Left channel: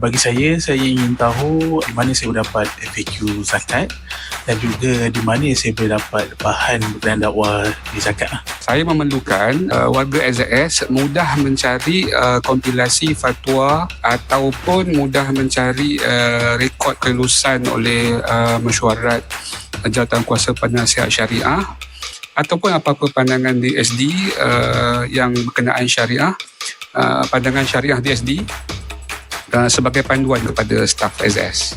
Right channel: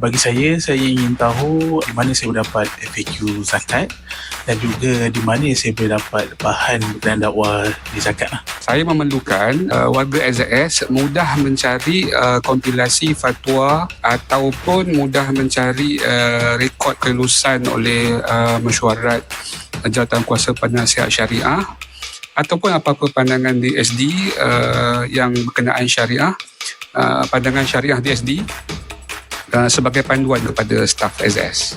Bagi saya ingin tahu di mana saya mendapat FAQ zakat dan juga di mana saya boleh dapat bahan berkenaan dakwah di zakat. Saya memerlukan warga SZS mudah mencari kompilasi fatwa ataupun mudah mencari rekod kelulusan oleh mesyuarat Jawatan Kuasa Penasihat Syariah ataupun apa-apa pandangan DSD yang berkenaan syariah, pandangan syariah DSD sebagai panduan kepada staf SZS.